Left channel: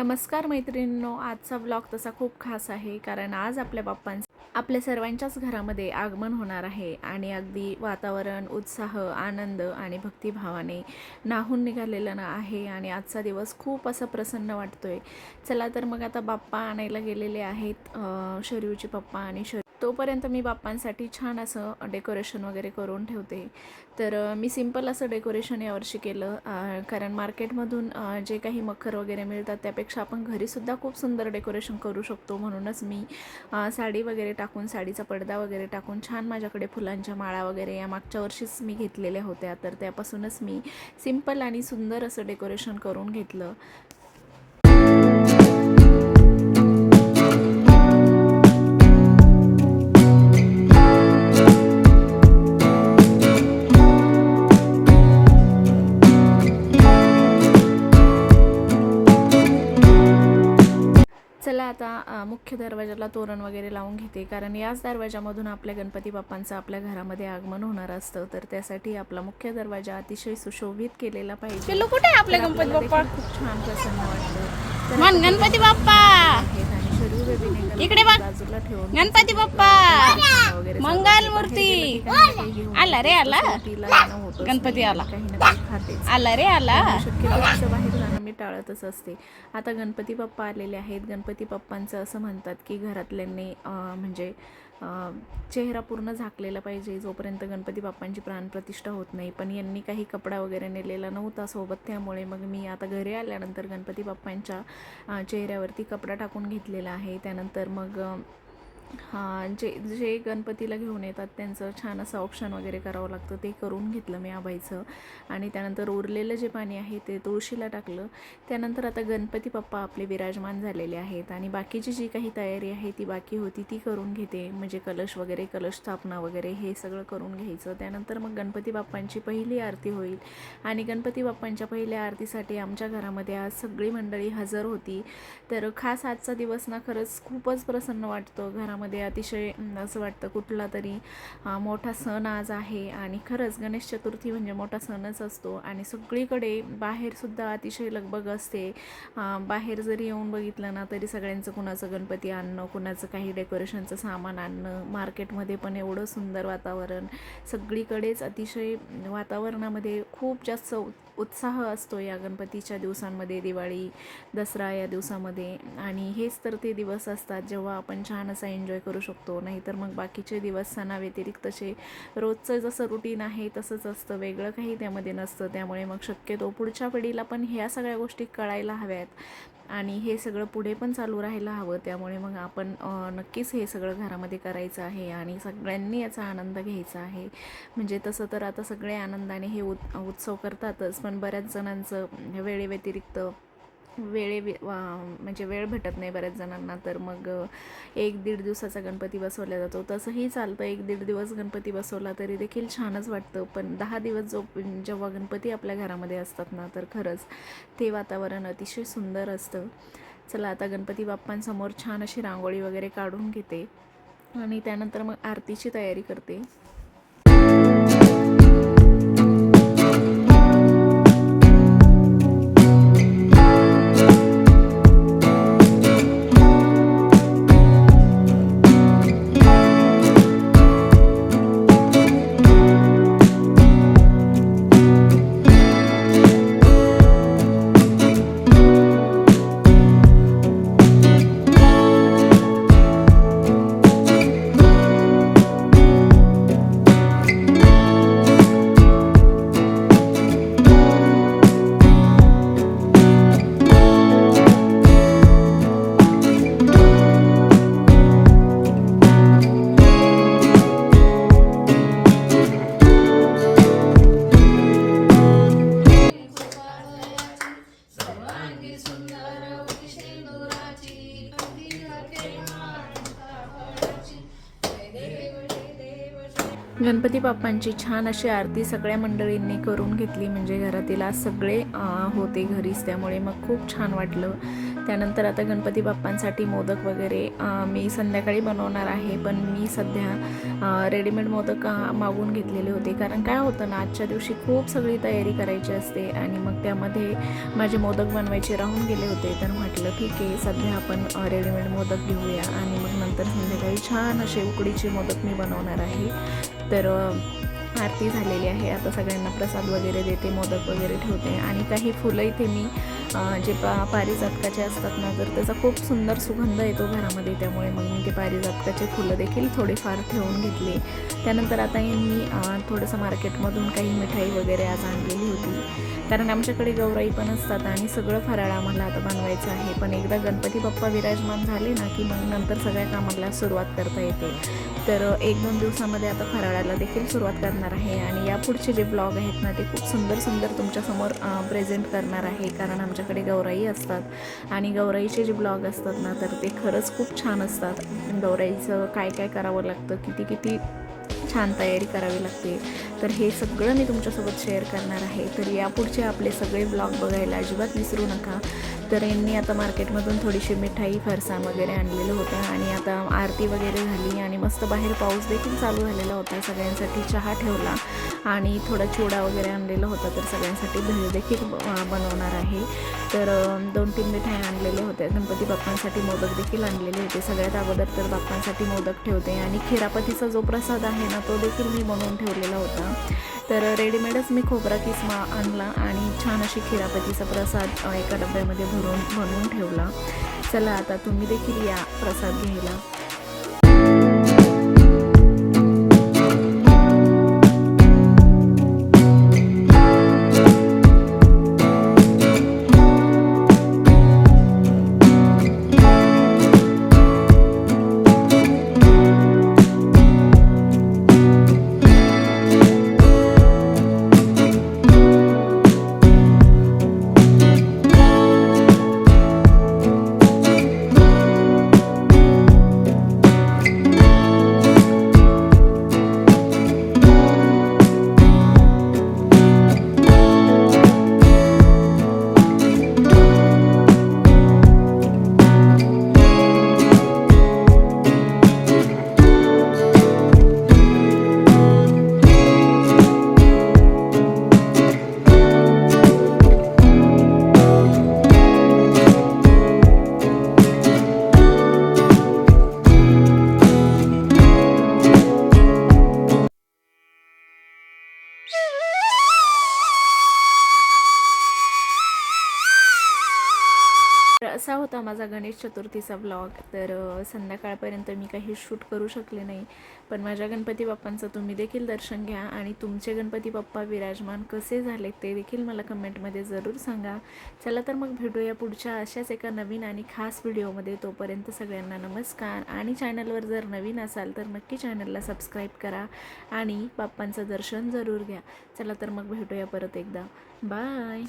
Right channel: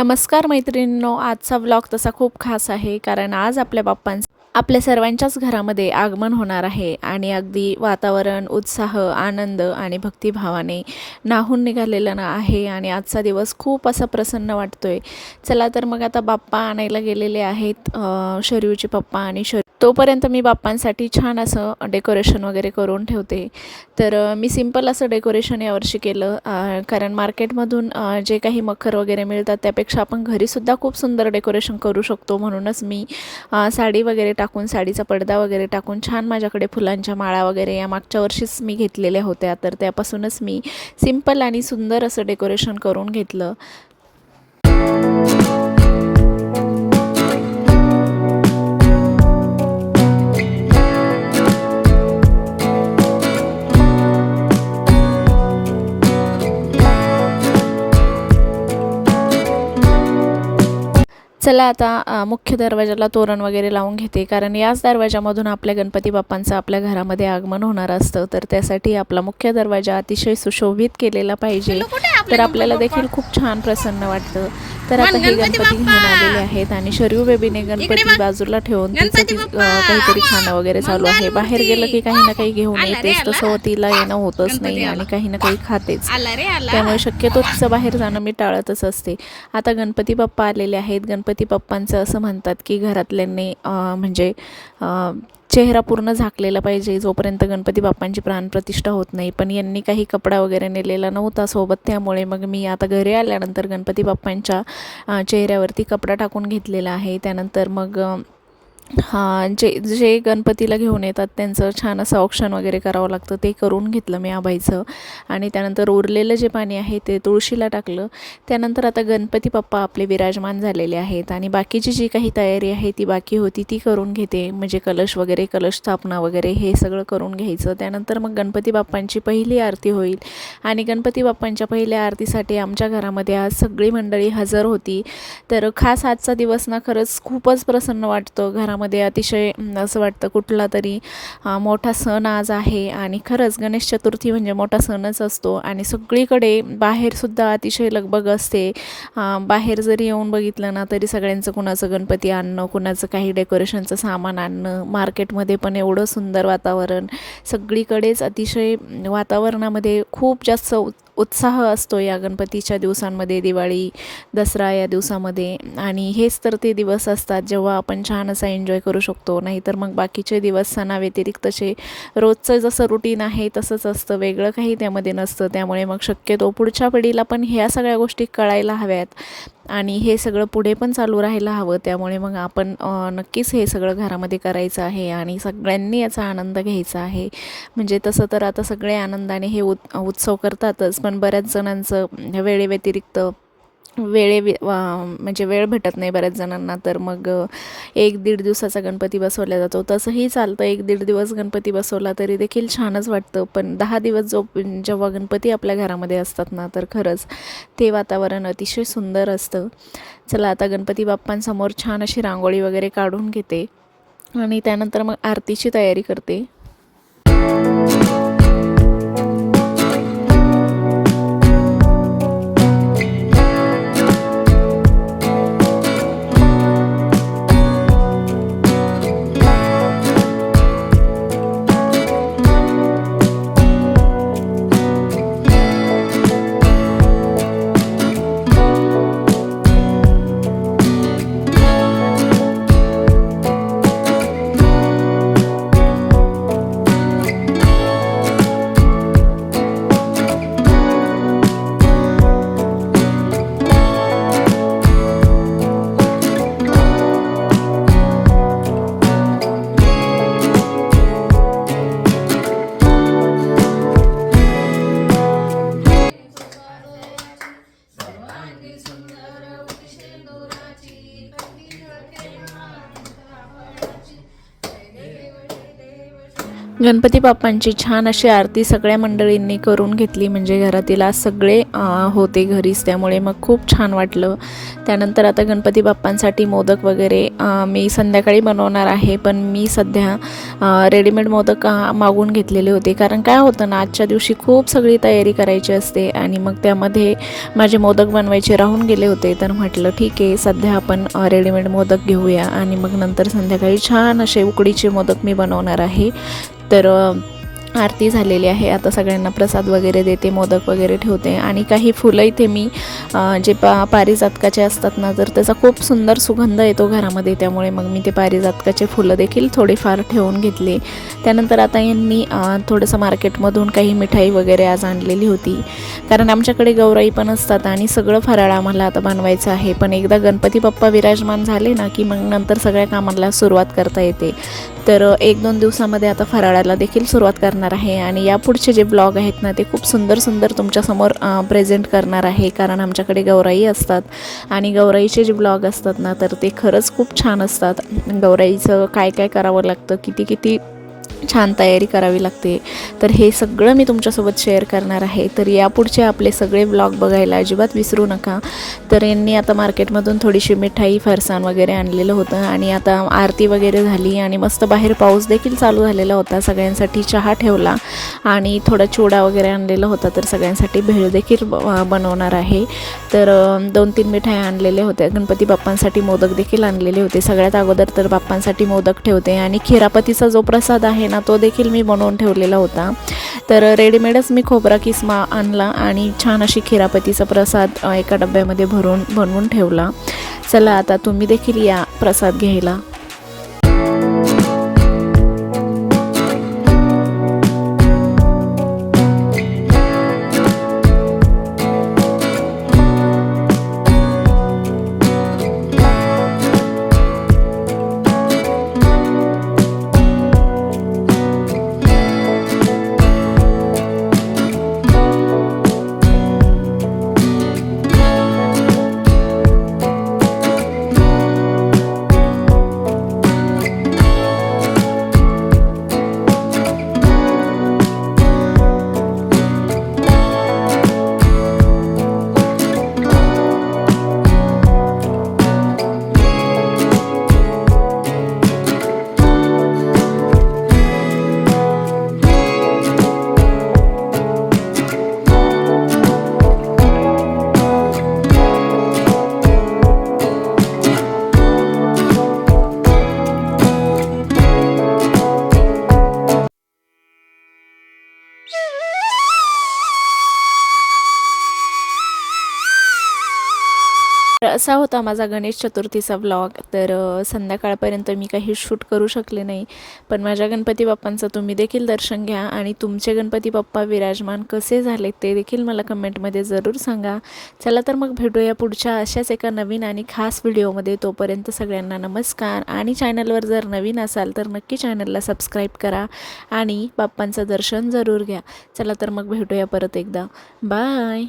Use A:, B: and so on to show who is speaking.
A: नमस्कार मैत्रिणींनो आजचा व्लॉग तसा खूप खास आहे कारण आज आपल्या बाप्पांचं आपल्या सर्वांच्याच घरामध्ये आगमन होणार आहे आणि अगदी वातावरण उत्साह आनंद आणि भक्तिभावाने नाहून निघालेलं ना आहे आणि आजचा दिवस खूप असा प्रसन्न वाटतोय. चला तर मग आता बाप्पा आणायला गेलेले आहेत शरीवचे पप्पा आणि शर तोपर्यंत मी बाप्पांसाठी छान असं डेकोरेशन वगैरे करून ठेवते. तर मी सिंपल असं डेकोरेशन यावर्षी केलं कारण मार्केटमधून जे काही मखर वगैरे मिळतात त्यापेक्षा आपण घरीसुद्धा खूप सुंदर डेकोरेशन करू शकतो. म्हणूनच मी साडी वगैरे टाकून साडीचा पडदा वगैरे टाकून छान माझ्याकडे फुलांच्या माळा वगैरे या मागच्या वर्षीच मी घेतलेल्या होत्या. तर त्यापासूनच मी सिंपल आणि सुंदर असं डेकोरेशन करून घेतलं. चला आता मुख्य दरवाजाला तोरण वगैरे लावून घेते. कारण याच दरवाजामधून आपल्या गणपती बाप्पांचं आपल्या घरामध्ये आगमन होणार असतं. तर त्यासाठी आपला मुख्य दरवाजा अतिशय सुशोभित केलेला पाहिजे. तर आपल्याला? देखील खूप छान प्रसन्न वाटतं. तर आता हे
B: गणपती
A: घेऊन
B: बाप्पा!
A: आलेले आहेत आणि शरयू बेबीने गणपती. बाजूला ठेवून! काहीतरी खाणं वगैरे चालू आहे! बाहेर गेलं की काही ना काही घेऊन. तसं तिला येणं होतच नाही. आणि काही ना काही खातेच त्यामुळे शक्यतो तिचं बाहेर जाणं मी टाळतच असते आता गणपती बाप्पा आलेले आहेत गणपती बाप्पांचं असं म्हणतात की घरातल्यांनी म्हणजे चेहरा पूर्ण झाकलेला पाहिजे जोपर्यंत गणपती बाप्पांची प्राणप्रतिष्ठा होत नाही पण यांनी काही कपडा वगैरे नेलेला नव्हता सोबत त्यामुळे मग मी आता घरी आल्यानंतर गणपती बाप्पांच्या चेहऱ्यावरती कपडा टाकून घेतलेला आहे. त्यानंतर मग हां जे जे गणपतीला घेऊन येतात त्यांचं छान असं औक्षण वगैरे करावं लागतं ते करून घेतलं मी आबाईचं. आणि त्यानंतर उरलेलं जे पाणी आहे ते तुळशीला टाकलं. त्यानंतर आता गणपती बाप्पा आपले विराजमान झालेले आहेत आणि बाकीची जी काही तयारी आहे ती बाकी होती ती करून घेते. म्हणजे कलश वगैरे कलश स्थापना वगैरे हे सगळं करून घ्यायचं. त्यानंतर मग गणपती बाप्पांची पहिली आरती होईल. आणि गणपती बाप्पांच्या पहिल्या आरतीसाठी आमच्या घरामध्ये आज सगळी मंडळी हजर होती. तर खास आजचा दिवस ना खरंच खूपच प्रसन्न वाटतं. घरामध्ये अतिशय असं वाटतं कुठला तरी मोठा सण आज आहे आणि खरंच गणेश चतुर्थी म्हणजे मोठा सणच असतो आणि सगळीकडे बाहेरसुद्धा अतिशय लगबग असते. बाहेर जरी येऊन बघितलं ना तरी सगळ्यांचं कुणाचं गणपती आणणं कुणाचं काही डेकोरेशनचं सामान आणणं मार्केटमध्ये पण एवढं सुंदर वातावरण सगळीकडेच अतिशय वातावरणामध्ये खूप जास्त उत्साह असतो या गणपतीच्या दिवसांमध्ये दिवाळी दसरा या दिवसामध्ये. आणि हेच तर ते दिवस असतात जेव्हा आपण छान असा एन्जॉय करू शकतो. नाहीतर मग बाकीचे दिवस सणाव्यतिरिक्तचे रोजचं जसं रुटीन आहे तसंच असतं. वेगळं काही त्यामध्ये नसतं. त्यामुळे मग शक्यतो पुढच्या पिढीला पण ह्या सगळ्या गोष्टी कळायला हव्यात. आणि हे सगळं पुढे पण चालू राहायला हवं. त्यामुळे मग आपण नक्कीच हे सगळं घरामध्ये करायचं आहे आणि सगळ्यांनी याचा आनंद घ्यायचा आहे. म्हणजे तसं तर आता सगळे आनंदाने हे उत उत्सव करतातच. पण बऱ्याच जणांचं वेळेव्यतिरिक्त वेळे वा- म्हणजे वेळ भेटत नाही बऱ्याच जणांना तर मग एक दीड दिवसाचा गणपती बसवला जातो. तसंही चालतं एक दीड दिवस गणपती बसवला तरी देखील छानच वाटतं. पण दहा दिवस जो जेव्हा गणपती आपल्या घरामध्ये असतात ना तर खरंच ते वातावरण अतिशय सुंदर असतं. चला आता गणपती बाप्पांसमोर छान अशी रांगोळी वगैरे काढून घेते. आणि त्यानंतर मग आरतीची तयारी करते. गणपती बाप्पांची छान अशी आरती सगळ्या मंडळींनी करून घेतली. म्हणजे घरातील आज सगळे होते घरीच. त्यामुळे मग खूप छान वाटलं. त्यानंतर आता गणपती बाप्पांसाठी मोदक वगैरे मी संध्याकाळी बनवणार आहे. पण मी सध्या रेडीमेड मोदक मागून घेतलेले होते. कारण काय होतं ना आजच्या दिवशी खूप सगळी तयारी करायची असते आणि मग त्यामध्ये माझे मोदक बनवायचे राहून गेले होते. तर म्हटलं ठीक आहे सध्या आपण रेडीमेड मोदक घेऊया. आणि मग नंतर संध्याकाळी छान असे उकडीचे मोदक मी बनवणार आहे. तर आरती झालेली आहे. आता सगळ्यांना प्रसाद वगैरे देते मोदक वगैरे ठेवते आणि काही फुलं इथे मी जे पा पारिजातकाचे असतात ना तर त्याचा खूप सुंदर सुगंध येतो घरामध्ये. त्यामुळे मग मी ते पारिजातकाचे फुलं देखील थोडेफार ठेवून घेतले. त्यानंतर आता यांनी थोडंसं मार्केटमधून काही मिठाई वगैरे आज आणलेली होती. कारण आमच्याकडे गौराई पण असतात आणि सगळं फराळ आम्हाला आता बनवायचं आहे. पण एकदा गणपती बाप्पा विराजमान झाले ना की मग नंतर सगळ्या कामाला सुरुवात करता येते. तर एक दोन दिवसामध्ये आता फराळाला देखील सुरुवात करणार आहे आणि यापुढचे जे ब्लॉग आहेत ना ते खूप सुंदर सुंदर तुमच्यासमोर प्रेझेंट करणार आहे. कारण आमच्याकडे गौराई असतात आणि गौराईचे जे ब्लॉग असतात ना तर ते खरंच खूप छान असतात. गौराईचं काय काय करावं लागतं? किती किती छान तयारी करावी लागते. तर हे सगळं मी तुमच्यासोबत शेअर करणार आहे. तर यापुढचे आपले सगळे ब्लॉग बघायला अजिबात विसरू नका. तर यांनी आता मार्केटमधून थोडीशी मिठाई फरसाण वगैरे आणलेलं होतं आणि आता आरती वगैरे झाली आणि मस्त बाहेर पाऊस देखील चालू झालेला होता. सगळ्यांसाठी चहा ठेवला. आणि थोडा चिवडा वगैरे आणलेला होता तर सगळ्यांसाठी भेळ देखील ब- बनवणार आहे. तर दोन तीन मिठाई आणलेल्या होत्या. गणपती बाप्पांसाठी मोदक देखील आणलेले होते. सगळ्यात अगोदर तर बाप्पांसाठी मोदक ठेवते आणि खिरापतीचा जो प्रसाद आहे ना तो देखील मी बनवून ठेवलेला होता. तर रेडीमेडच मी खोबरा किसमा आणला आणि छान अशी खिरापतीचा प्रसाद एका डब्यामध्ये भरून बनवून ठेवला. चला आता तुम्ही देखील या प्रसाद घ्यायला. तर असा होता माझा गणेश चतुर्थीचा ब्लॉग तर संध्याकाळपर्यंत मी काही शूट करू शकले नाही. पण माझ्या गणपती बाप्पांचं तुम्ही देखील दर्शन घ्या आणि तुमचे गणपती बाप्पा विराजमान कसे झाले ते देखील मला कमेंटमध्ये जरूर सांगा. चला तर मग भेटूया पुढच्या अशाच एका नवीन आणि खास व्हिडिओमध्ये. तोपर्यंत सगळ्यांना नमस्कार आणि चॅनलवर जर नवीन असाल तर नक्की चॅनलला सबस्क्राईब करा आणि बाप्पांचं दर्शन जरूर घ्या. चला तर मग भेटूया परत एकदा. बाय